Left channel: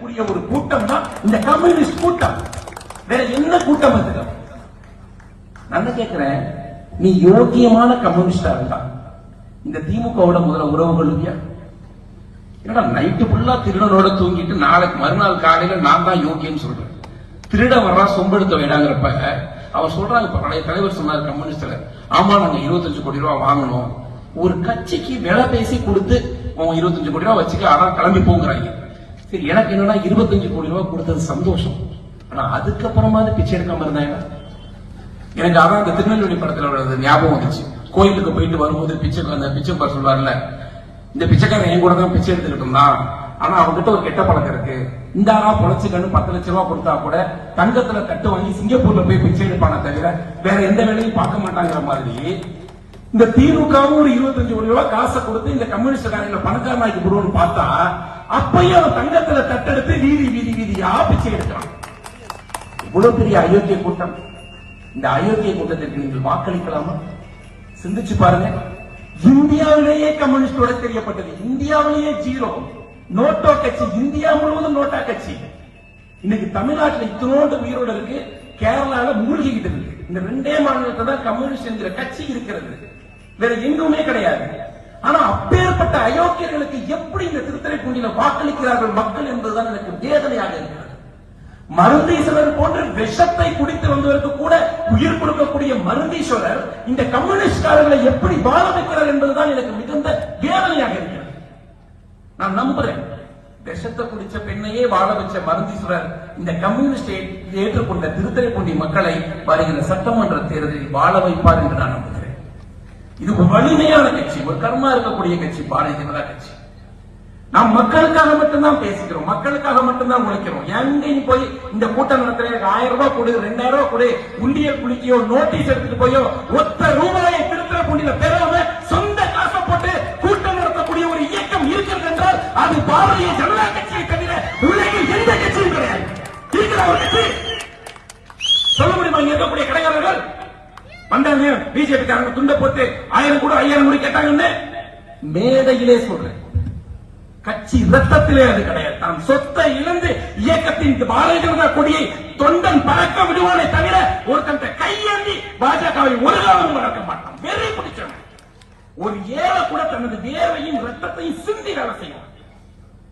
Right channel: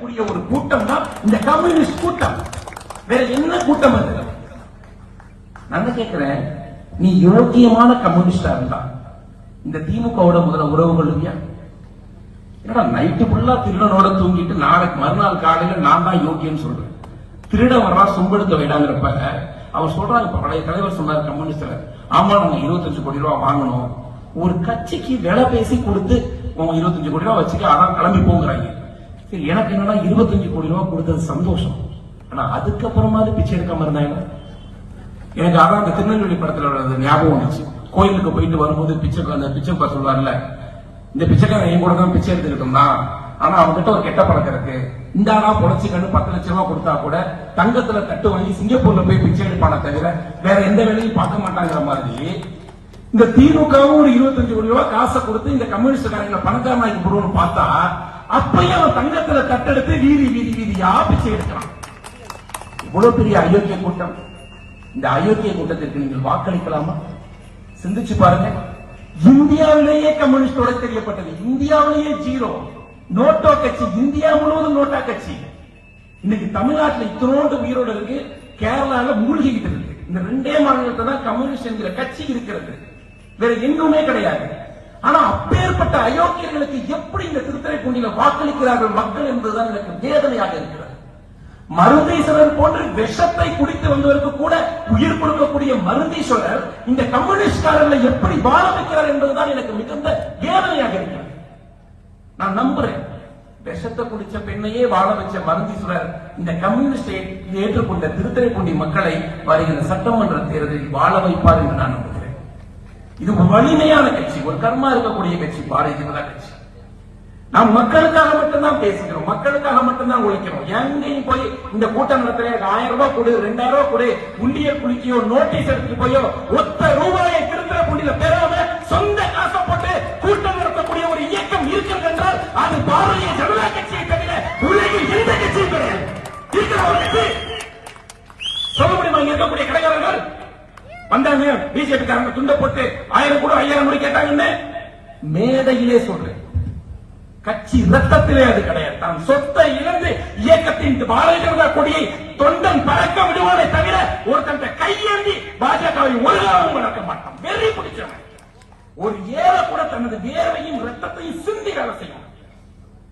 ஒரு கூட்டம் தான் இந்த கம்யூனிஸ்ட் கூட்டம். வேற என்ன கூட்டம் அது? நான் கேட்கிறேன், நீ யோக்கியமான கம்யூனிஸ்டா இருந்தா இந்த திமுகவோட முதல்ல உறவு கொள்ளுவியா? என்னடா நைட்டு ஃபுல்லா திருடனோட தூங்கிட்டு நாளைக்கு மறுநாள் காலையில நான் தான் யோக்கியன்னு சொல்றேன். திருட வரா சொம்பெடுத்த வேண்டாங்கிறப்ப அவன் சொல்றாங்க, இப்ப பழைய தலைவர் சொன்னார் கம்யூனிஸ்ட்ல, ஆமா நாங்க 25 கோடி ரூபாய் வாங்கணும், ஒரு கட்சிக்கு விலை பேசி கொடுத்து 25 கோடி ரூபாய் வச்சுக்க, அதான் கிளம்பி போங்கிறாங்க. சரி, எனக்கு என்னன்னா 25 கோடி ரூபாய் கொடுத்தது சந்தோஷம், ஆனா அதுக்கப்புறமா பிச்சை எடுக்காம இருந்தாங்க. எனக்கு அதான் அந்த திருநெல்வேலி படத்துல ஞாபகம் வந்துச்சு. கோயிலுக்கு போயிட்டு வரும்போது பிச்சைக்கார சொல்லுவார்ல, இந்த பிச்சைக்காரன் என் கூட தான் பிச்சை எடுத்துக்கிட்டு தான், ஆனா அவங்ககிட்ட ஒரு கெட்ட பழக்கம் இருக்கு, இந்த ஆளா பொழைச்சிக்கன்னு 10 லட்சம் ரூபாய் கொடுத்தா கூட தங்கத்துல தட்டு வாங்கி சிங்கப்பூர்ல போய் பிச்சை எடுப்பான தவிர வேற எந்த வேலையும் பார்க்க மாட்டாங்கிற மாதிரி இந்த திமுகவும் ஒரு 25 கோடி ரூபாய் காசை கொடுத்து இந்த கம்யூனிஸ்ட் பணக்காரனாக்கி போடுவோம்னு பார்த்தா அப்பயும் அவன் தங்கத்துல தட்டெடுத்து வீதியா பிச்சை எடுக்கிறான். இவ்வளவு பெரிய அயோக்கிய கூட்டம். இந்த அயோக்கிய கூட்டத்திற்கு நீங்கள் வாக்களிக்கலாமா? சிந்திச்சு பாருங்க. இந்தியாவிலேயே கம்யூனிஸ்டோட தெரியப்பட்டது, இந்தியாவிலேயே ஜீரோ. நோட்டோ கட்சி இந்தியா முழுவதும் நோட்டா கட்சி. இன்னைக்கு தமிழ்நாட்டில் இத்தனோண்டு உயிரோட இருக்கு, கேரளால மூழ்கிட்டு இருக்கு. இந்த 2 மாநிலத்தில் தான் கம்யூனிஸ்ட் என்கிற கட்சி இருக்கிறது, வேற எங்குமே கிடையாது. ஆனா அப்பேற்பட்ட அயோக்கியர்களுக்கு எப்படி இந்த திருத்துறைப்பூண்டியில வாக்களிக்கிறார்கள் மக்கள் என்பதுதான் எனக்கு வேதனையாக இருக்கிறது. மருந்தீஸ்வரர் போன்ற விஷத்தை குடித்து வந்தவருக்கு கூட உயிர் கொடுக்கக்கூடிய மருந்தீஸ்வரர் இந்த கம்யூனிஸ்ட்காரர்களை எப்படி வாழ வைக்கிறார் என்பதுதான் எனக்கு மிகுந்த வேதனையாக இருக்கிறது. நான் நம்புறேன், விஷத்தை குடிச்ச பெண்ணையே வாழ வச்ச மருந்தீஸ்வரர் இந்த கம்யூனிஸ்டை ஏற்றுக்கொண்ட திருத்துறைப்பூண்டி மக்களை வருகிற சட்டமன்ற தேர்தலில் வாழ வைப்பார் என்று நான் நம்புகிறேன். இது ஒரு வலிமையான கட்சி, ஒரு கர்மா இருக்கக்கூடிய கட்சி பாரதிய ஜனதா கட்சி. நாம் மக்களுக்காக மட்டும்தான் பேசுகிறோம், மக்களுக்காக மட்டும்தான் உழைக்கிறோம். எங்கேயும் போய் இந்த கூட்டம் நடத்துற 1000 ரூபாய் கொடு, 2000 ரூபாய் கொடு, குண்டிய குளிக்கையோ நோட்டீஸ் எடுத்துட்டு போயோ ஒத்த ரூபாயை திருத்துறைப்பூண்டியில பெறாம சொந்த காசை போட்டு கூட்டம் நடத்தக்கூடிய ஒரு இயக்கம் இருக்கிறது என்றால் அது பாரதிய ஜனதா கட்சியை தவிர உலகில் எந்த கட்சியும் கிடையாது. இருக்கிற ஒரு கட்சி சொல்ல முடியுமா? இருக்கக்கூடிய கலைஞர்கள் வந்தாங்க, பிஜேபி காரங்க துண்டை போட்டு 1000 கூட 5000 கூட கேட்டாங்க. மேடையிலே சொல்றேன், கட்சி ரத்தத்திலே அது கிடையாது. தான் சொத்தை இழந்து இயக்கத்தின் பாரதிய ஜனதா கொடியை தொண்டன் பறக்க விடுவானே தவிர ஒருத்தன் கையேந்தி பாஜகவை ஒருகாவது வளர்க்க மாட்டான். வெறி பிடிச்சவன். ஒரு ஏழை கூட தனது வேர்வையும் ரத்தத்தையும் சிந்தி வேலை செய்யணும்.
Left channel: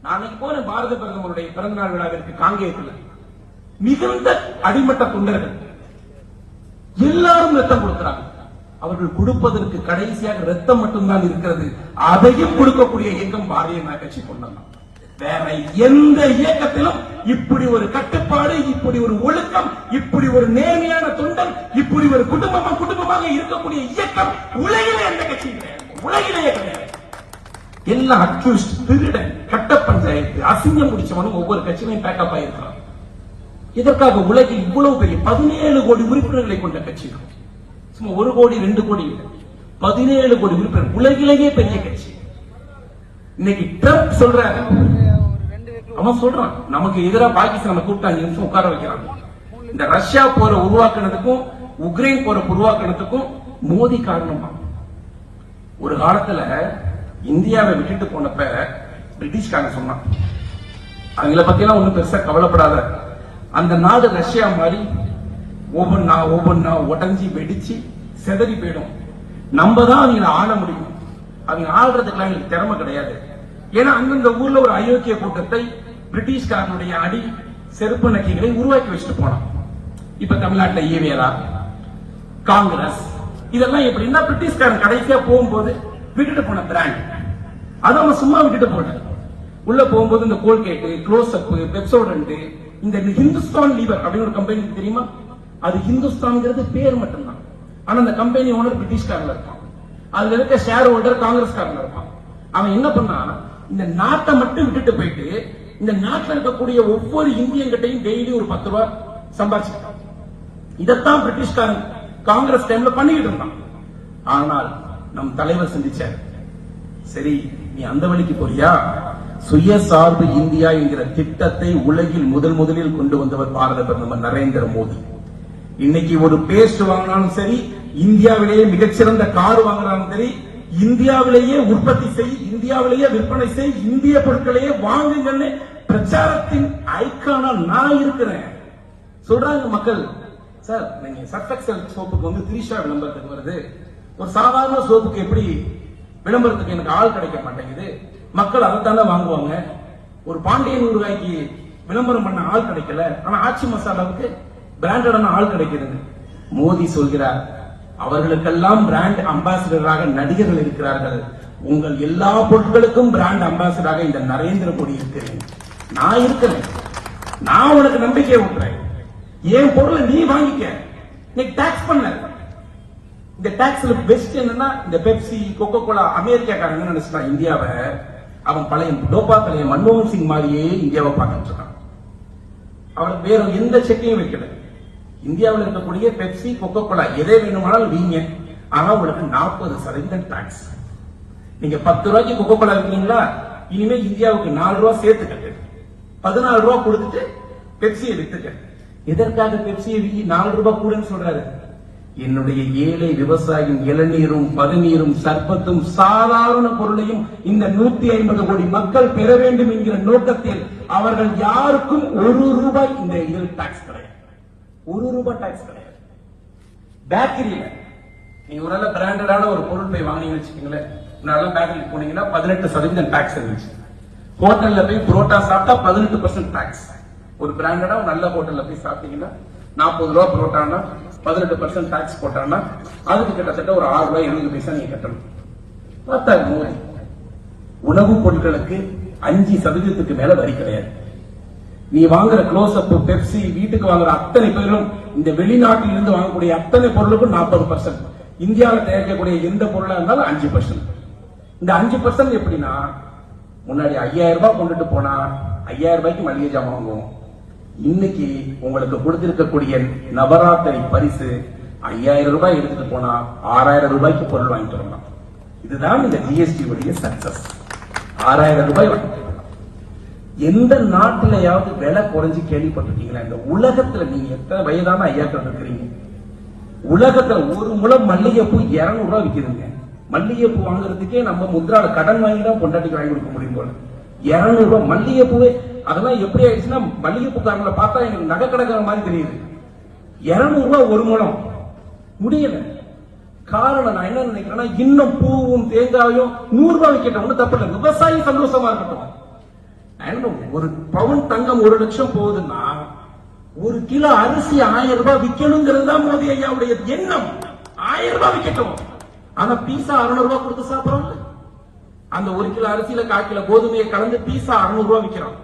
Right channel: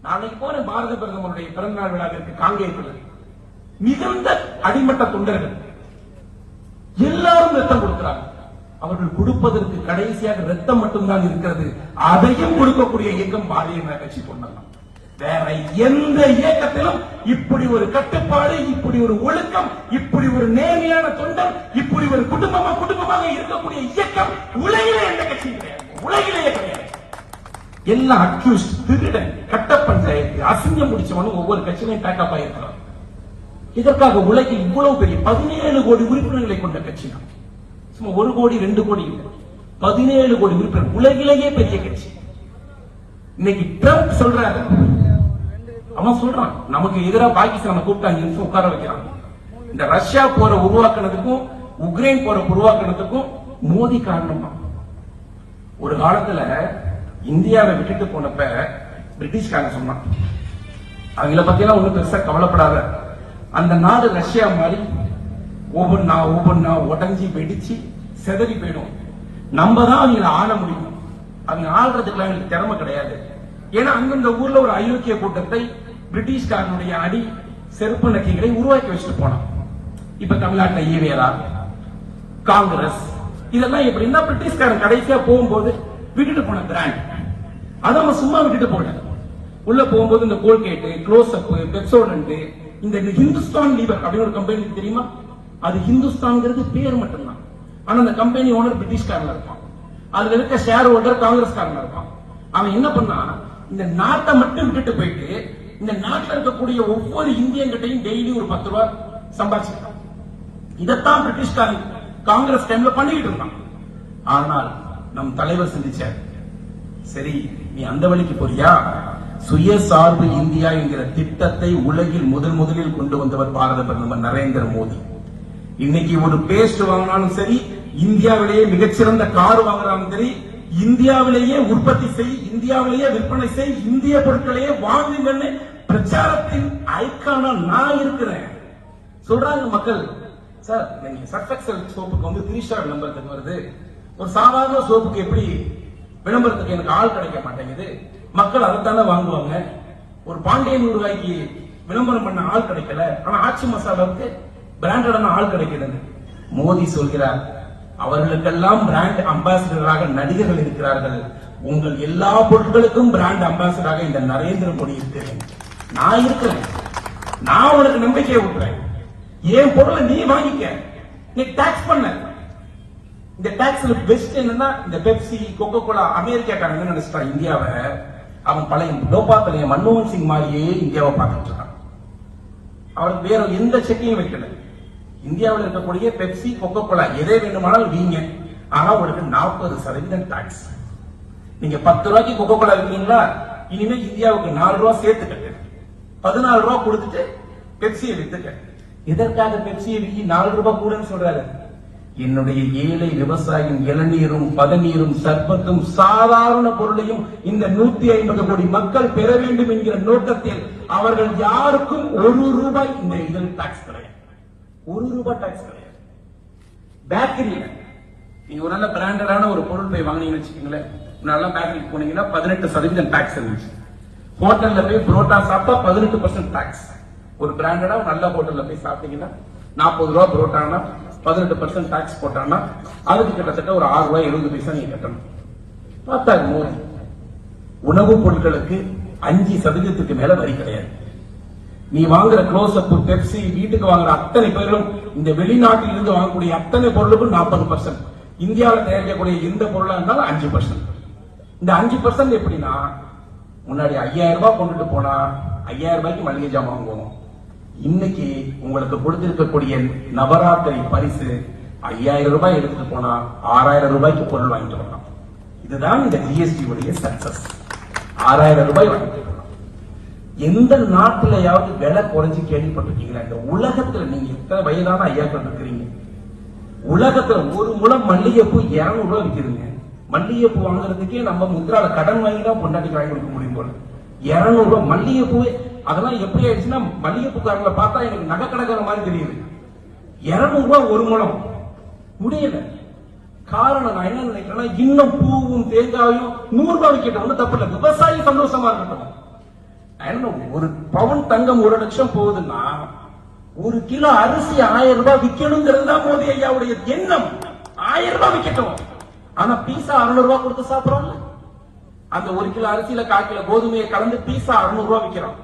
நாளைக்கு போன பாரத பிரதமருடைய பிறந்தநாள் விழாவிற்கு காங்கேயத்தில் மிகுந்த அடிமட்ட தொண்டர்கள் எல்லாரும் ரத்தம் கொடுக்கிறாங்க. அவர்கள் கொடுப்பதற்கு கடைசியாக ரத்தம் மட்டும்தான் இருக்கிறது. அதையும் கொடுக்கக்கூடிய இயக்கம் பாரதிய ஜனதா கட்சி கொண்டாங்க. வேற எந்த இயக்கத்திலும் இப்படி ஒரு கட்டுப்பாடு, இப்படி ஒரு ஒழுக்கம், இப்படி ஒரு நேர்மையான தொண்டன், இப்படி ஒரு குடும்பமாக இருக்கக்கூடிய இயக்கம் உலகிலே எந்த கட்சியும் கிடையாது. உலகிலேயே கிடையாது. எல்லாம் அக்யூஸ்ட், திருடன், கட்ட பஞ்சாயத்து, அசிங்கம் முடிச்சவங்களும் ஒவ்வொரு கட்சியிலையும் பேக்கப் ஆயிருக்கிறாங்க. இதற்காக உலகில் இவ்வளவு பெரிய 17 கோடி உறுப்பினர்களை கொண்ட கட்சி, 1 கோடி 2 கோடி 17 கோடி உறுப்பினர், உலகிலேயே பெரிய கட்சி. இன்னைக்கு டர்க் சொல்றாங்க, அவன் சொல்றான் நமக்கு எதிராக பாகிஸ்தான் கூப்பிட்டு உட்கார வைக்கிறாங்க. இந்த ரஷ்யா போற உருவாக்குனதுக்கும் உக்ரைன் போற உருவாக்குனதுக்கும் மோடி காரணம். ஒரு காலத்துல இந்தியாவை விட்டுட்டு போனப்ப பிரிட்டிஷ்காரன் சொன்னான், அவங்கள பத்திலாம் ஒன்றும் பெருசா கவலைப்படாத, அந்த நாடு ரஷ்யா மாதிரி ஒவ்வொன்னா உடஞ்சி வெடிச்சு செதறி போயிடும், நம்ம தான் அவங்க ஆள முடியும், அவங்க ஆள்றதுக்கு அவங்களுக்கு திறமை கிடையாது. ஏன்னா அந்தந்த ஊர்ல ஒரு அயோக்கிய கூட்டத்தை பிரிட்டிஷ்காரனுடைய அடி செருப்பு நக்கைகளை உருவாக்கி வச்சுட்டு போனான். இப்ப தமிழ்நாட்டை ஈவேரா, காங்கிரஸ், இதெல்லாம் எப்படின்னா பிரிட்டிஷ்காரன் கடைசியா போகும்போது விட்டுட்டு போன பிராண்ட், அதை நம்ம சும்மா விட்டுட்டு போனோம். உள்ள போகும்போது இந்த கோல்கேட், க்ளோஸ் அப், பெப்சோடன்ட், இந்த ஹிந்துஸ்தான் லீவர் அப்படின்னு ஒரு கம்பெனி தெரியுமா? அது ஹிந்துஸ்தான்ங்கிறது பேர் மட்டும்தான். ஆனா அந்த கம்பெனி ஓனர் பிரிட்டிஷ்காரங்க இருப்பான், அதுல இருக்க ஷேர் ஹோல்டர் காங்கிரஸ்காரங்க இருப்பான். அவன் என்ன பண்ணா, இந்த நாட்டை மட்டும் விட்டுட்டு போயிட்டு இந்த நாட்டில் இருக்கக்கூடிய ஒவ்வொரு இந்தியன்கிட்டையும் டெய்லி ஒரு 10 ரூபாய் சம்பாதிச்சிருக்கான். இதைத்தான் பிரிட்டிஷ்காரன் காங்கிரஸ் டைம்ல பண்ணிட்டு இருந்தான். ஆனால் நம் தலைவர் சிந்திச்சார், சரி நீ அந்த வழிக்கு போறியா, சுயசார்பு இந்தியா என்கிற திட்டத்தை உலகில் முதலில் கொண்டு வந்தவர் பாரத பிரதமர் நரேந்திர மோடி. இன்னைக்கு ஒரு பேஸ்ட் வாங்கினாலும் சரி, இந்தியாவிலேயே மிகச்சிறந்த கார் வாங்கினாலும் சரி, இந்தியாவிலேயே உற்பத்தி செய், இந்தியாவிலேயே விற்பனை செய், இந்திய பொருட்களையே வாங்குங்கன்னு பிரச்சாரத்தின் ஐக்கானா நான் இருக்கிறேன். சொல்றாங்க மக்கள், சார் நீங்க சர்ஃபெக்சல் சோப்புக்கு வந்து 3 ஸ்டார் விளம்பரத்துக்கு வருது, ஒரு சாதாரண சோப்புக்கு எப்படி விளம்பரத்துக்கு எனக்கு ஆள் கிடைக்க மாட்டேங்குது, மக்கள் அதைத்தானே வாங்குவாங்க. ஒரு பாண்டியன் ரூபாய்க்கு விளம்பரம் பண்ண ஆள் கிடைக்கல, ஆனா ஆச்சி மசாலாவுக்கு பிராண்டடான ஆள் கிடைக்கிறது. மோடி சொல்கிறார், அவர்களுக்கெல்லாம் பிராண்ட் அம்பாசிடராக நடிகர்கள் இருக்கிறார்கள், உங்கள் எல்லா பொருட்களுக்கும் பிராண்ட் அம்பாசிடராக இந்த நரேந்திர மோடி இருக்கிறேன். நான் இருக்கிறேன், நான் உனக்கு நம்பிக்கையை விட்டுறேன். என் பொருளை நீ வாங்கிக்க, நீ டாக்ஸ் பண்ண. இந்த டாக்ஸ்ல பெஸ்ட் என்னன்னா, இந்த பெப்சி கோகோ கோலா அமெரிக்காக்காரங்க நினைச்சிட்டான் இந்தியாவை அவன் பழைய டோபா தலைய மன்மோகன் சிங் மாதிரியே இந்தியாவை பார்த்துட்டு இருக்கான். அவனுக்கு வேற எந்த செக்கையும் வைக்கல. இந்தியாவில் இருக்கக்கூடிய பெப்சி கோகோ கோலா எதை வேணுமானாலும் வீங்க, ஆனா உங்களுக்கு 40% டாக்ஸ். நீங்க 10 ரூபாய்க்கு கோகோ கோலா இருக்கீங்களா, இனிமே இந்தியாவுக்கு 4 ரூபாய் சேர்த்துக்க, 14 ரூபாய் கொடுத்துட்டு பெப்சியை வித்துக்க. எதற்காக பெப்சியை விற்கி 4 ரூபாய் கூடன்னு சொல்றாரு? என்னுடைய ஏழை விவசாயியின் இளநீரும் பதநீரும் சர்பத்தும் சாதாரண பொருளையும் இந்த 150 கோடி மக்கள் பெற வேண்டும் என்கிற நோக்கத்தில் அவர்கள் யாருக்கும் 1 ரூபாய் இந்த இதில் டாக்ஸ் கிடையாது. 1 ரூபாய் டாக்ஸ் கிடையாது. பேக்கரியில நீங்க ஒரு நல்ல பிராண்டடான ஒரு பொருள் போய் வாங்கினீங்கன்னு வச்சுக்கோங்களேன், நல்ல பேக்கரிக்கு போனீங்கன்னா 18% டாக்ஸ் இருந்துச்சு. ஹோட்டல்ல போய் புரோட்டா சாப்பிட்டா 18% டாக்ஸ். ஒரு பிராண்டடா நல்ல ஹோட்டல்ல போய் சாப்பிட்டீங்கன்னா 40 ரூபாய் புரோட்டானா 18% டாக்ஸ் போட்டான்னா அதுக்கு கிட்டத்தட்ட ஒரு 6 ரூபாய் 70 பைசா நீங்க கட்டணும். பார்த்தாரு மோடி, உணவுப் பொருட்களுக்கு 5% மேல வரி கிடையாது. நீ வாங்குற க்ளோஸ் அப், பெப்சி, வீட்டுக்கு வாங்குற அத்தனை பேர்களும், இந்த வெளிநாட்டில் இருந்து வாங்கக்கூடிய அத்தனை பொருளுக்கும் 40%. இந்தியாவில் தயாரிக்கக்கூடிய எந்த பொருளா இருந்தாலும் 5%. இந்த 5% எப்படின்னா, முன்னாடி 5000 ரூபாய் கொண்டுட்டு போனா 5000 ரூபாய்க்கு மளிகை ஜாமான் வாங்குவோம். இன்னைக்கு உங்களுக்கு கொடுத்திருக்கக்கூடிய நவராத்திரி பரிசு 5000 ரூபாய் எடுத்துட்டு போனா 6000 ரூபாய்க்கு பொருள் வாங்கிட்டு வரணும். இதுதான் இந்த ஜிஎஸ்டி உடைய சக்சஸ். 6000 ரூபாய் வாங்கிட்டு வரணும். எந்த நாட்டிலையாவது விலை குறைஞ்சு கேள்விப்பட்டிருக்கீங்களா? இந்த உலகத்துல நீங்க எத்தனை வயதான ஐயாக்கள் இருக்கிறீங்க, உலகத்துல ஒரு முழம் மல்லிகைப்பூ 200 ரூபாய் விற்கிறீங்க. மல்லிகைப்பூ வாங்குறதுக்கே நம்ம முத்ரால கடன் வாங்கி தான் பொண்டாட்டிக்கு வாங்கி கொடுக்க முடியும் போல. 200 ரூபாய் மல்லிகைப்பூவே. அதெல்லாம் எப்படி ஆயிடுச்சுன்னா, மல்லிகைப்பூக்காரங்களை பார்த்தா எனக்கு நகை கிடக்கிற மாதிரி தெரியுது. 200 ரூபாய் ஒரு முழம் முடியல. காரணம் நான் என்ன நினைக்கிறேன்னா, இன்னும் பூவும் தேங்காயும் 100 ரூபாய் விற்கட்டும், ஒன்றும் தப்பு இல்லை, விவசாயி சந்தோஷமா இருக்கட்டும். ஒரு பவுன் தங்கம் 1 லட்சம் போகுதுன்னா 1 கிலோ அரிசி 1000 ரூபாய் விற்கணுங்கிறது தான் மோடி ஐயாவுடைய எண்ணம். 1000 ரூபாய் விற்கட்டும். ஆனா பீஸா 600 ரூபாய் கொடுத்து சாப்பிடறோம். அந்த 1 கிலோ அரிசியில 1/4 கிலோ கோதுமையை கலந்து பீஸா 600 ரூபாய் விற்கிறோம்.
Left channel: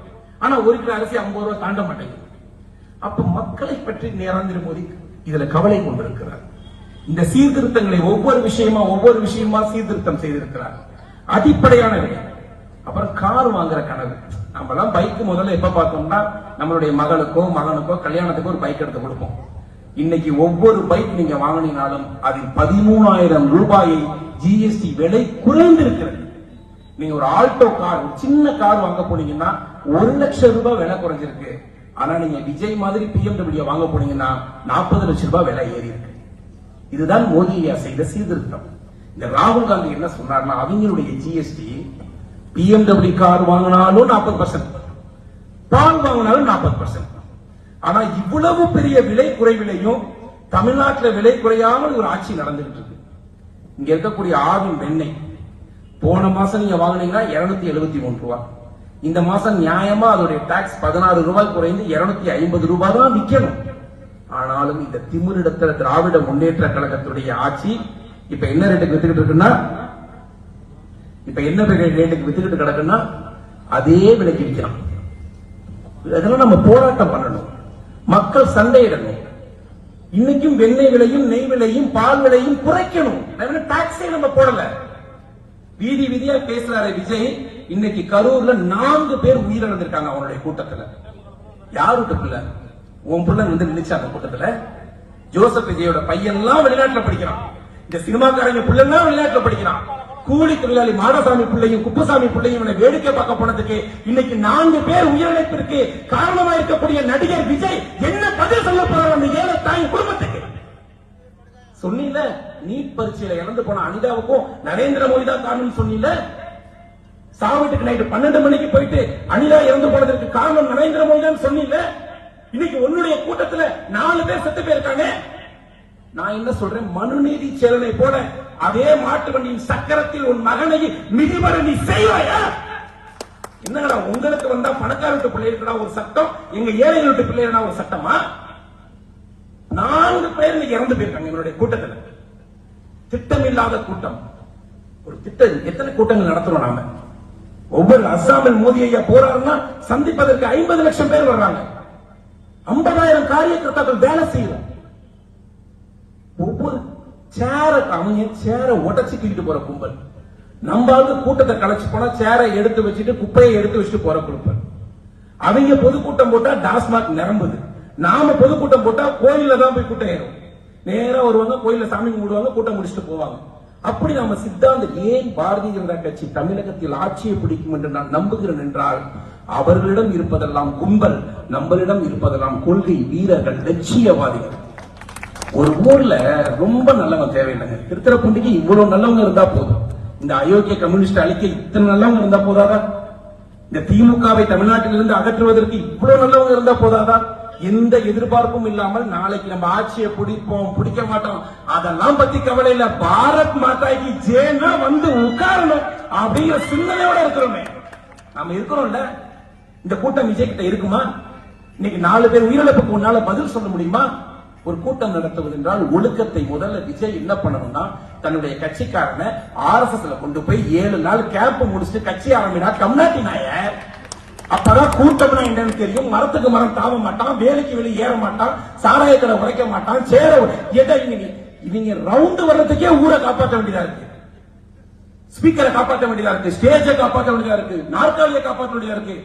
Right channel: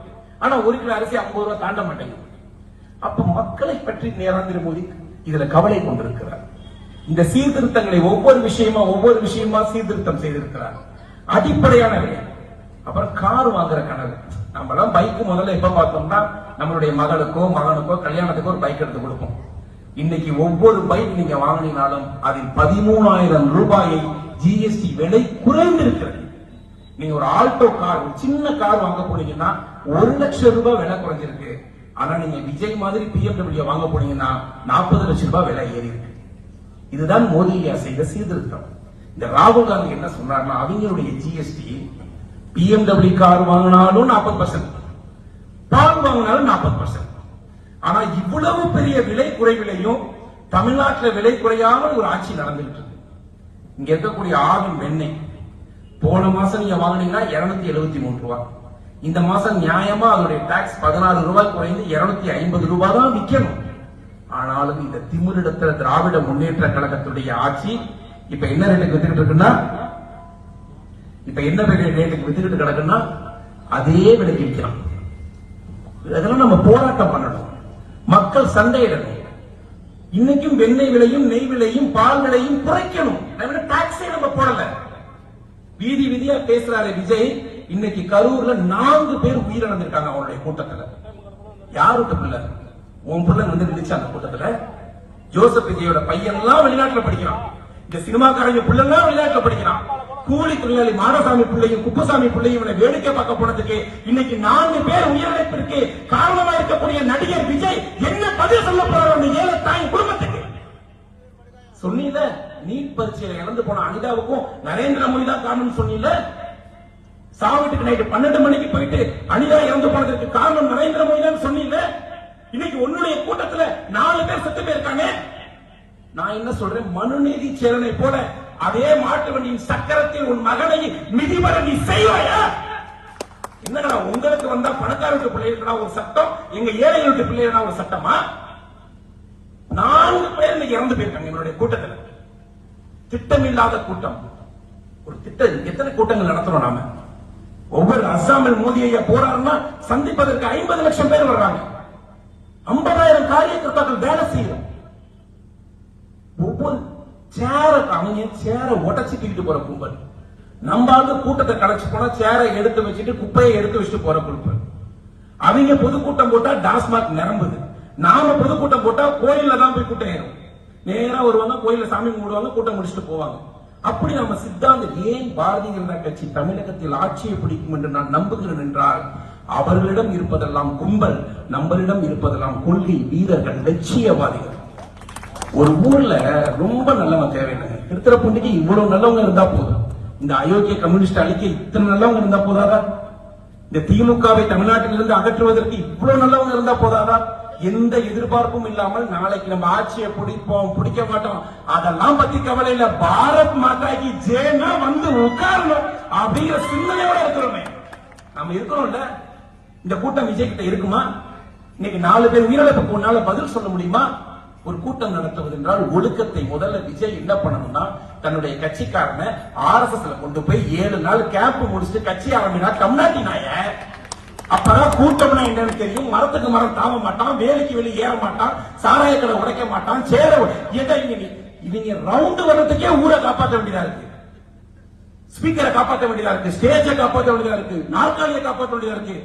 ஆனா 1 கிலோ அரிசி 50 ரூபாய் தாண்ட மாட்டேங்குது. அப்ப மக்களை பற்றி நரேந்திர மோடி இதுல கவலை கொண்டிருக்கிறார். இந்த சீர்திருத்தங்களை ஒவ்வொரு விஷயமா சீர்திருத்தம் செய்திருக்கிறார். அடிப்படையான விஷயம். அப்புறம் கார் வாங்குற கனவு. நம்ம எல்லாம் பைக் முதல்ல எப்ப பார்த்தோம்னா, நம்மளுடைய மகளுக்கோ மகனுக்கோ கல்யாணத்துக்கோ ஒரு பைக் எடுத்து கொடுப்போம். இன்னைக்கு ஒவ்வொரு பைக் நீங்க வாங்கினாலும் அதில் 13,000 ரூபாயை ஜிஎஸ்டி விலை குறைந்திருக்கிறது. நீங்க ஒரு ஆல்டோ கார், சின்ன கார் வாங்க போனீங்கன்னா 1 லட்சம் ரூபாய் விலை குறைஞ்சிருக்கு. ஆனா நீங்க விஜய் மாதிரி BMW வாங்க போனீங்கன்னா 40 லட்சம் ரூபாய் விலை ஏறி இருக்கு. இதுதான் மோடி செய்த சீர்திருத்தம். இந்த ராகுல் காந்தி என்ன சொன்னார்னா, அவங்களுடைய ஜிஎஸ்டி BMW கார் வாங்கினாலும் 40%, பால் வாங்கினாலும் 40%. ஆனா இவ்வளவு பெரிய விலை குறைவிலையும் தமிழ்நாட்டில் விலை குறையாமல் ஒரு ஆட்சி நடந்துட்டு இருக்கு. இங்க இருக்கக்கூடிய ஆவின் வெண்ணெய் போன மாசம் நீங்க வாங்கினீங்கன்னா 273 ரூபாய். இந்த மாசம் நியாயமா அதோடைய டாக்ஸ் 16 ரூபாய் குறைந்து 250 ரூபாய் தான் விற்கணும். ஆனாலும் இந்த திமிரிடத்துல திராவிட முன்னேற்ற கழகத்துடைய ஆட்சி இப்ப என்ன ரேட்டுக்கு வித்துக்கிட்டு இருக்குன்னா, கிடக்குன்னா அதே விலைக்கு விற்கிறான். இதெல்லாம் நம்ம போராட்டம் பண்ணணும், மக்கள் சண்டையிடணும். இன்னைக்கும் வெண்ணெய் விலையும் நெய் விலையும் பால் விலையும் குறைக்கணும். டாக்ஸே நம்ம போடல. வீதி வீதியா பேசுறாரு விஜய். இன்னைக்கு கரூர்ல 4 பேர் உயிரிழந்திருக்காங்க அவருடைய கூட்டத்துல. யாரு பிள்ளை? உன் பிள்ளை வந்து நினைச்ச அந்த கூட்டத்துல ஜோசப் விஜயோட பையன் எல்லாம் வெளிநாட்டுல படிக்கிறான். இந்த சினிமாக்காரங்க பிள்ளை எல்லாம் வெளிநாட்டுல படிக்கிறான். கூலி தொழிலாளி மாடசாமி பிள்ளையும் குப்புசாமி பிள்ளையும் வேடிக்கை பார்க்க போனதுக்கு இன்னைக்கு 4 பேர் உயிரிழப்பிற்கு காரணமா இருக்கக்கூடிய நடிகர் விஜய் என்ன பதில் சொல்ல போறாங்க தாய் குடும்பத்துக்கு? சொன்னீங்க நீட் பரீட்சையில இறந்து போன அனிதாவுக்கும் நரேந்திர மோடி தான் காரணம் சொன்னீங்க. சாவிட்டுக்கு நைட்டு 12 மணிக்கு போயிட்டு அனிதா இறந்து போனதற்கு காரணம் நரேந்திர மோடி தான் சொன்னீங்க. இன்னைக்கு உன்னுடைய கூட்டத்துல 4 பேர் செத்து போயிருக்காங்க. நான் என்ன சொல்றேன், மனுநீதி சேரனை போல அதே மாட்டு வண்டியின் சக்கரத்தில் உன் மகனை மிதிவர நீ செய்வாயா? என்னடா உங்களுக்கு வந்தா பணக்கார வீட்டு பிள்ளைகளா ஒரு சட்டம், எங்க ஏழை வீட்டு பிள்ளைகளா ஒரு சட்டமா? 4 பேர் இன்னைக்கு இறந்து போயிருக்காங்க எங்களுடைய கூட்டத்தில். திட்டமில்லாத கூட்டம். ஒரு திட்டம் எத்தனை கூட்டங்கள் நடத்துறோம் நாம? ஒவ்வொரு அஸ்ஸாமில் மோடி ஐயா போறாருன்னா சந்திப்பதற்கு 50 லட்சம் பேர் வர்றாங்க. 50,000 காரியகர்த்தாக்கள் வேலை செய்யும். ஒவ்வொரு சேரை உடச்சு தூக்கிட்டு போற கும்பல். நம்ம கூட்டத்தை கலைச்சு போனா சேரை எடுத்து வச்சுட்டு குப்பையை எடுத்து வச்சுட்டு போற கும்பல். அவங்க பொதுக்கூட்டம் போட்டா டாஸ்மாக் நிரம்புது. நாம பொதுக்கூட்டம் போட்டா கோயில தான் போய் கூட்டம் ஏறும். நேரா வருவாங்க, கோயில சாமி கும்பிடுவாங்க, கூட்டம் முடிச்சுட்டு போவாங்க. அப்படி நம்ம சித்தாந்தம் ஏன் பாரதிய ஜனதா கட்சி தமிழகத்தில் ஆட்சியை பிடிக்கும் என்று நான் நம்புகிறேன் என்றால், அவர்களிடம் இருப்பதெல்லாம் கும்பல், நம்மளிடம் இருப்பதெல்லாம் கொள்கை வீரர்கள், லட்சியவாதிகள். ஒரு ஊர்ல ரொம்ப நல்லவங்க தேவையில்லை. திருத்துறைப்பூண்டிக்கு இவ்வளவு நல்லவங்க இருந்தா போதும். இந்த அயோக்கிய கம்யூனிஸ்ட் அழிக்க இத்தனை நல்லவங்க இருந்தா போதாதா? இந்த திமுகவை தமிழ்நாட்டிலிருந்து அகற்றுவதற்கு இவ்வளவு நல்லவங்க இருந்தா போதாதா? எந்த எதிர்பார்ப்பும் இல்லாமல் நாளைக்கு நம்ம ஆட்சியை பிடிப்போம் பிடிக்க மாட்டோம் அதெல்லாம் பத்தி கவலை இல்ல. பாரத் மாதாக்கு ஜெயனா வந்து உட்காரணும் அப்படிங்கிற சிந்தனையோட இருக்கிறோமே நாம இருக்கிறோம்ல. இந்த கூட்டம் விஜய் கிட்ட இருக்குமா? இன்னைக்கு 4 பேர் உயிரிழப்புக்கு உன்னால பதில் சொல்ல முடியுமா? ஒரு கூட்டம் நடத்துவது என்றால் ஒழுக்கத்தை முதல்ல விஜய் என்ன பண்ணணும்னா, தன்னுடைய கட்சிக்காரனை RSSல கொண்டு போய் 7 நாள் கேம்ப் முடிச்சுட்டு கட்சி ஆரம்பினா தமிழ்நாட்டினாய. அப்பதான் கூட்டம்னா என்னன்னு தெரியும். மரத்துக்கு மரம் தாவ மாட்டான், வேலைக்கு வெளியே ஏற மாட்டான், சாராய கடை உடைக்க மாட்டான், சேர இவங்க ரவுண்டு வர்றதுக்கே ஊரை காப்பாற்ற வேண்டியதா இருக்கு, ஸ்பீக்கரை காப்பாற்ற வேண்டியதா இருக்கு, ஸ்டேஜை காப்பாற்ற வேண்டியதா இருக்கு, நாற்காலியை காப்பாற்ற வேண்டியதா இருக்கு.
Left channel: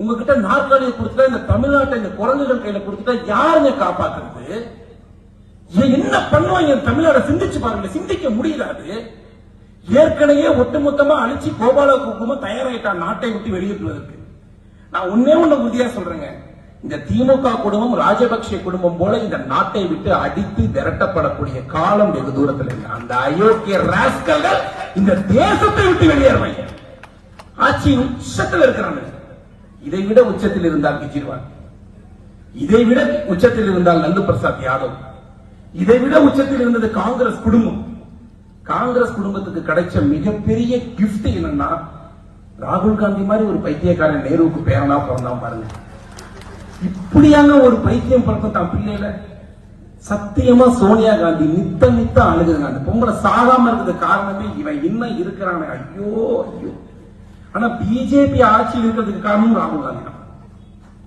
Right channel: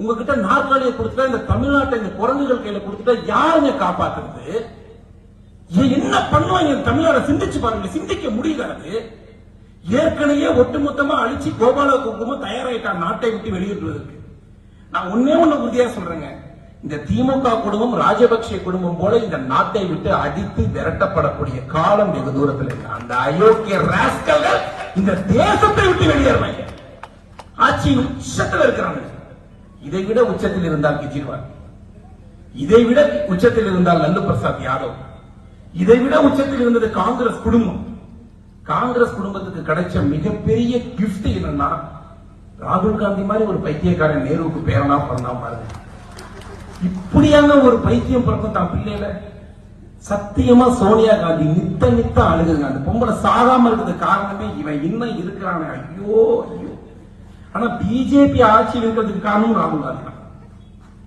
உங்ககிட்ட நாற்காலியை கொடுத்துட்டா, இந்த தமிழ்நாட்டை இந்த குரங்குகள் கையில கொடுத்துட்டா யாருங்க காப்பாத்துறது? என்ன பண்ணுவாங்க தமிழ்நாடு? சிந்திச்சு பாருங்க, சிந்திக்க முடியாது. ஏற்கனவே ஒட்டுமொத்தமா அழிச்சு கோபால குடும்பம் தயாராயிட்டான் நாட்டை விட்டு வெளியேற்றுவதற்கு. நான் ஒன்னே உறுதியா சொல்றேங்க, இந்த திமுக குடும்பம் ராஜபக்சே குடும்பம் போல இந்த நாட்டை விட்டு அடித்து விரட்டப்படக்கூடிய காலம் வெகு தூரத்தில் இருக்கு. அந்த அயோக்கிய ராஸ்கல்கள் இந்த தேசத்தை விட்டு வெளியேறுவாங்க. ஆட்சி உச்சத்தில் இருக்கிறாங்க. இதை விட உச்சத்தில் இருந்தால் கெஜ்ரிவால், இதை விட உச்சத்தில் இருந்தால் லல்லு பிரசாத் யாதவ், இதை விட உச்சத்தில் இருந்தது காங்கிரஸ் குடும்பம். காங்கிரஸ் குடும்பத்துக்கு கிடைச்ச மிகப்பெரிய கிஃப்ட் என்னன்னா, ராகுல் காந்தி மாதிரி ஒரு பைத்தியக்காரன் நேருவுக்கு பேரனா பிறந்தா பாருங்க. இப்படியான ஒரு பைத்தியம் பிறந்த தான் பிள்ளைகள சத்தியமா சோனியா காந்தி நித்த அழுகுங்க. அந்த பொம்பளை சாகாம இருக்கிறது காரணமே இவன் இன்னும் இருக்கிறான். ஐயோ ஐயோ. ஆனா பிஜேபி ஆட்சி இருக்கிறதுக்கு காரணம் ராகுல் காந்தி.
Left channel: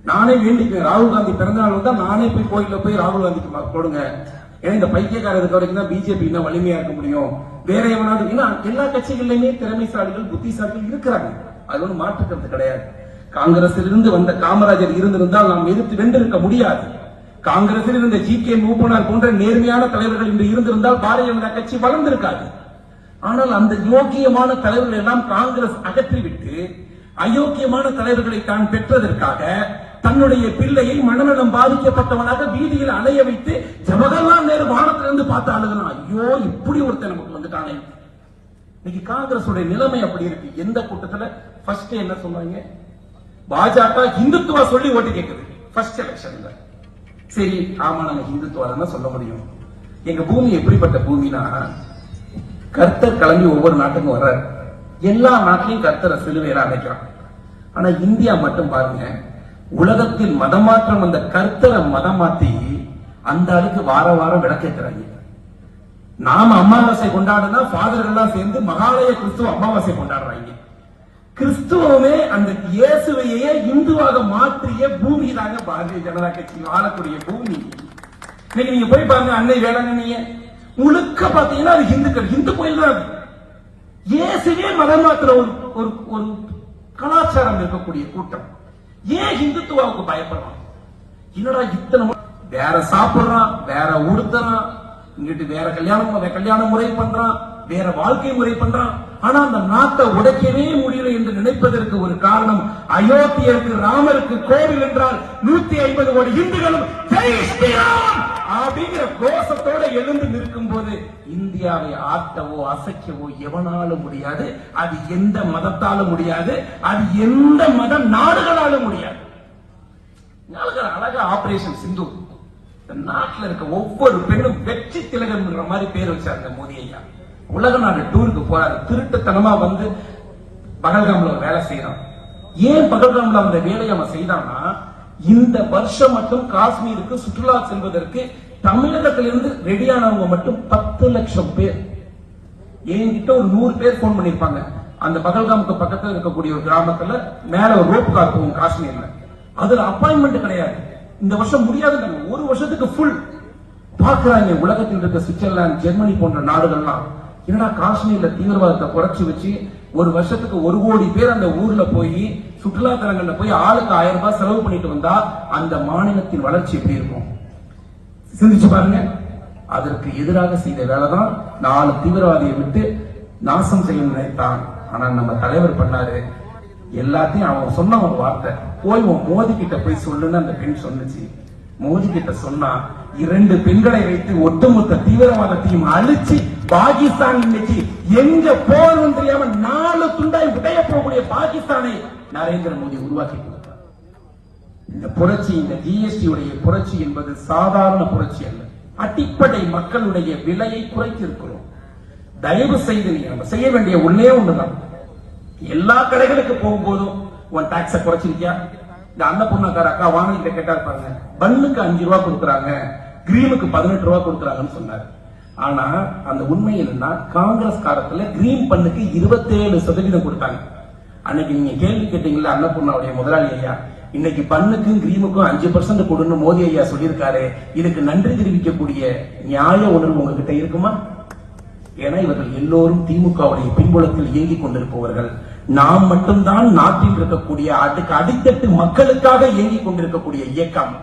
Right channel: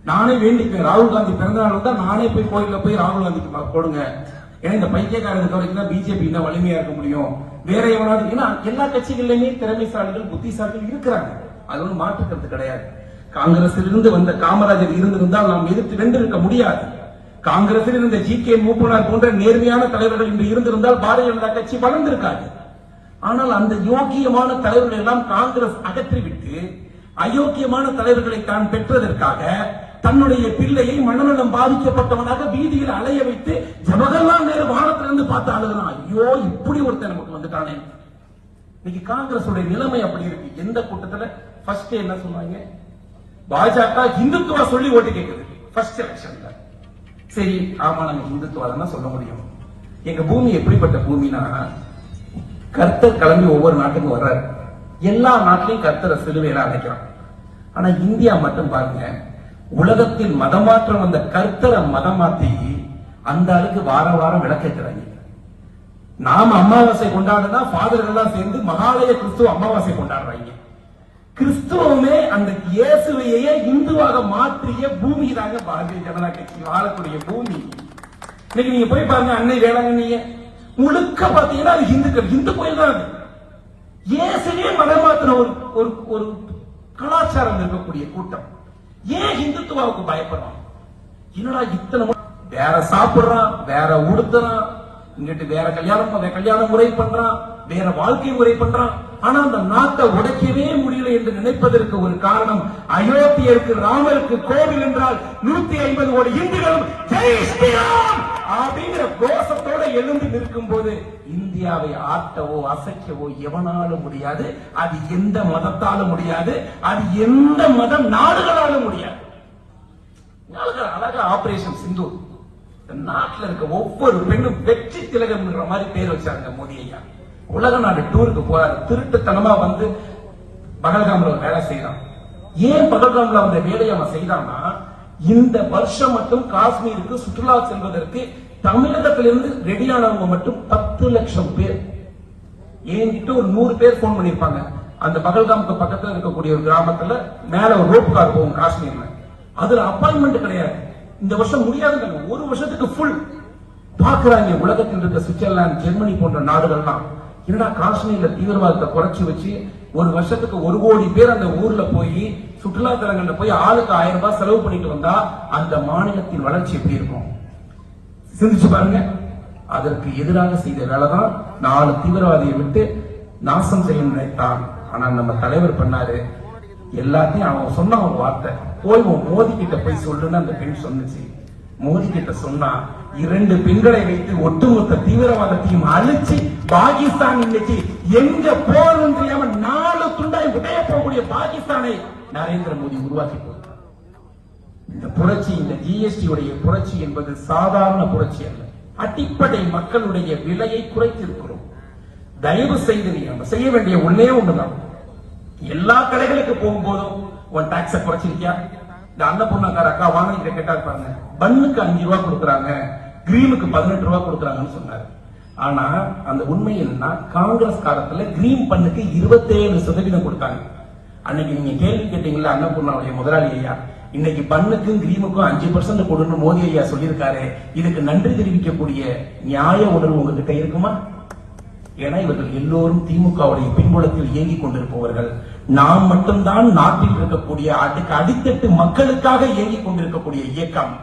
நானே வேண்டிக்குவேன், ராகுல் காந்தி பிறந்த நாள் தான் நானே போய் கோயில போய் ராகுல் காந்திக்கு போடுங்க. ஏன்னா இந்த பைத்தியக்காரர் இருக்க வரைக்கும் தான் பிஜேபி இன்னும் வலிமையா இருக்க முடியும். வேற எவனாவது, ஏன்னா எல்லா கட்சிகளிலுமே திறமைசாலிகள் புத்திசாலிகள் இருக்கிறாங்க, அது வந்து மாற்றுக்கிறது கிடையாது. காங்கிரசிலிருந்து வந்த காமராஜர் இருந்திருந்தால் நாம் எதிர்த்து வென்று இருக்க முடியாது. காங்கிரசில் இருந்த ஜி.கே. மூப்பனார் போன்ற நேர்மையான தலைவர்கள் இன்று இருந்திருந்தால் பாரதிய ஜனதா கட்சி வளர்ந்திருக்காது. ஆனால் அந்த யோக்கியமான தலைவர்கள் எல்லாம் காங்கிரஸ் அகற்றிவிட்டு அயோக்கியமான தலைவர்களை தான் பெற்றதற்காக தன்னுடைய பிள்ளையை மனநலம் பாதிக்கப்பட்டவனாக வீதியில் அலைய வைத்து ஜவஹர்லால் நேரு வானத்திலிருந்து பார்த்து அழுதுனா, ஐயோ இப்படி ஒருத்தர் நமக்கு வந்துட்டானே. இன்னைக்கு காங்கிரஸ் நிலைமை அப்படி இருக்கு. எந்த கூட்டத்துல ஃபர்ஸ்ட் என்ன சொன்னாங்க? பாஜக இந்துத்துவ சொல்லி ஓட்டு கேட்குது ஃபர்ஸ்ட் எலெக்ஷன்ல. சரி, ஆமா நாங்க இந்துத்துவ தானே சொல்ல முடியும். எங்க பூமி எப்படிப்பட்ட பூமினா, கர்த்தர் கிளம்பி ஒவ்வொரு நாட்டுக்கும் வர்றாரு. எல்லா நாட்டிலையும் கர்த்தரை சிலுவையில அடைக்கிறான். ஆனா இந்தியா மட்டும் பாருங்க, உலகத்தில் மதமாற்றம் வந்த கர்த்தரை மதமாத்தி அந்த அளவுக்கு வார வாரம் விளக்கேற்றாங்க. நாம அமாவாசை கொண்டாடுனா ஃபாதர்கள் எல்லாம் சேர்ந்து மகாலய கிறிஸ்துவ அமாவாசை கொண்டாடுறாங்க. கிறிஸ்துவமே அந்த இயேசுவையே இந்துவாக மாற்றிய பூமி தாங்க பாரதிய ஜனதா கட்சி ஆளக்கூடிய பூமி. இன்னைக்கு நீங்க போய் பாருங்க, அன்னை வேளாங்கண்ணிய முழுக்க பாத்தீங்கன்னா அது இந்துக்கள், இந்து கோயில் தான். இயேசுவே மதமாத்திர ஒரு கலாச்சாரம் இருக்கக்கூடிய கூட்டம். ஏன் இந்துத்துவாவுக்கு பயப்படுறான்? என்னடா இத்தனை வேற சாப்பிடுறான், வேற உடுத்துறான், இங்கிட்டு வேற கல்யாண முறை பண்றான், வேற வாழ்க்கை முறை பண்றான். ஆனா அந்த நாட்டை உடைக்கவே முடியல என்று நினைப்பதற்கு ஒரு காரணம், அயோத்தியருக்கு ராமருக்கு கோவில் என்றால் 150 கோடி இந்துக்களும் ஜெய் ஸ்ரீராம் அப்படிங்கிற கோஷத்தோட எழுந்து நிற்கும் போது இந்தியாவை ஆட்டவோ அசைக்கவோ எவனாலும் முடியாது. அது எந்த மதத்தாலும் முடியாது. அது எந்த மத நாடுகளாலும் முடியாது. அழகா ஆபரேஷன் சிந்து நாட்டில் இருக்க ஒவ்வொரு பெண்ணும் வெற்றி திலகம்ங்கிற மாதிரி பேர் வச்சாருங்க மோடி ஐயா. உலக நாடு டூருக்கு போறாரு. திருட்டுத்தனமா வந்து பகல்காம்ல வேலை செய்யறான். ஏன் பகல்காம்ல அவன் வேலையை அவன் செய்தான்னா, இந்த வருஷம் மட்டும் காஷ்மீருக்கு சுற்றுலா செல்வதற்கு தமிழகத்திலிருந்து ரெடியானவங்க மட்டும் 10 லட்சம் பேர். என்கிட்ட ஒரு 100 பேர் போன் பண்ணிருப்பாங்க. அந்த பகல்காமுக்கு பக்கத்தில் இருக்கக்கூடிய ஒரு கிராமத்துல மேல ஒரு ரோப் கார் போகும் காஷ்மீர்ல. அதுல அப்பாயின்மெண்ட் கிடையாது. இந்த வருஷம் முடியாது. ஒரு வருஷத்துக்கு ஃபுல் பாக்குறாங்க. உலகத்தில் இருக்க சுவிட்சர்லாந்து, ஜெர்மனி போன்ற நாடுகள்லாம் ஏன்னா காஷ்மீர்ல தீவிரவாதத்தை குறைச்சி வச்சு ஒரு வருஷத்துக்கு 1 கோடி பேர் அந்த ஊர்ல போய் சுற்றுலா தலங்கள்ல போய் ஆளுக்கு 1000 ரூபாய் செலவு பண்ணிட்டு வந்தா அந்த மாநிலத்தின் வளர்ச்சி எப்படி இருக்கும் சிந்திச்சு பாருங்க. அதற்கு எதிராக செய்த வேலைதான் 4 தீவிரவாதியை விட்டு நாசம் செய்ய நினைத்தான். ஆனா நம்ம தலைவர் பண்ணாரு எல்லாத்தையும். அவன் சொன்ன ஒரு வார்த்தை, போய் மோடி கிட்ட போய் சொல்லுன்னு அந்த பெண் சொன்னுச்சு. மோடி கிட்ட சொன்னா 2 பெண்களை வைத்து ஒட்டுமொத்த தீவிரவாதத்தையும் அழிச்சு பாகிஸ்தான் இன்னைக்கு எங்க போகணும் தெரியாம 4 துண்டாய் உடைய போகக்கூடிய பாகிஸ்தானை நரேந்திர மோடி உருவாக்கி. இந்த புரட்சி, இந்த ஜிஎஸ்டி உடைய புரட்சி என்பது சாதாரண புரட்சி அல்ல. அடிப்படை மக்களுடைய விலையை குறைத்து இருக்கிறோம். தயவு செய்து நீங்க செய்ய வேண்டிய ஒன்னே ஒண்ணுதான், எல்லா கடைகளுக்கு போகும்போதும் உன் டாக்ஸ குறைச்சிருக்கியா? இந்த அன்னபூர்ணக்கார அக்கா வாங்க கேட்டா இருப்பாங்க, பன்னுக்கு 5 ரூபாய் கொடுக்குறாங்க, கிரீனுக்கு 18 ரூபாய் கொடுக்குறாங்கன்னு சொன்னாரு. ஆனா அந்த உண்மை என்னன்னா, காங்கிரஸ் காலத்துல கிரீன் பண்ணுக்கு 27% கொடுத்தாங்க. அன்னைக்கு நீங்க கேள்வி கேட்டீங்களா அன்னபூர்ணாவுடைய முதலாளி ஐயா, இன்னைக்கு பண்ணுக்கும் கிரீனுக்கும் 5% கொடுன்னு மோடி ஐயா சொல்லியிருக்காரு. இதுக்கு நன்றி தெரிவிக்கக்கூடிய நியாய உணர்வு உங்ககிட்ட இருக்குமா? ஏன்னா இவர்கள் எல்லோரும் திமுகவுடைய பின்புலத்தில் இயங்கிக் கொண்டிருப்பவர்கள். நாம் மட்டும்தான் நாட்டில் இருக்கக்கூடிய அடித்தட்டு மக்களுக்காக இயங்கிக் கொண்டிருக்கக்கூடிய இயக்கம்.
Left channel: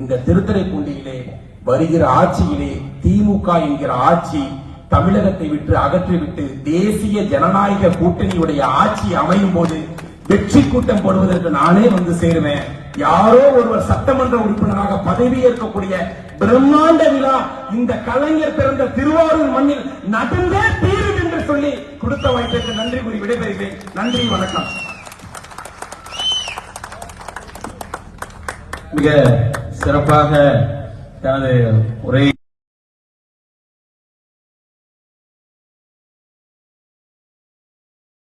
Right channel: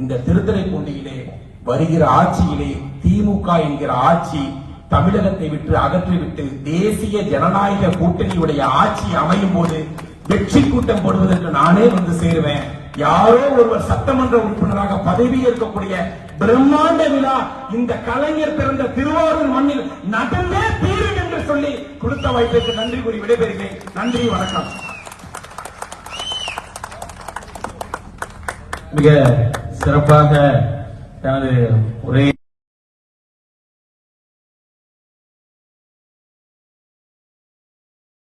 இந்த திருத்துறைப்பூண்டியிலே வருகிற ஆட்சியிலே திமுக என்கிற ஆட்சி தமிழகத்தை விட்டு அகற்றிவிட்டு தேசிய ஜனநாயக கூட்டணியுடைய ஆட்சி அமையும் போது வெற்றி கூட்டம் போடுவதற்கு நானே வந்து சேருவேன். யாரோ ஒருவர் சட்டமன்ற உறுப்பினராக பதவியேற்கக்கூடிய பிரம்மாண்ட விழா இந்த கலைஞர் பிறந்த திருவாரூர் மண்ணில் நடந்தே தீரும் என்று சொல்லி கொடுத்த வாய்ப்பிற்கு நன்றி கூறி விடைபெறுகிறேன். நன்றி, வணக்கம். மிக சிறப்பாக தனது உரை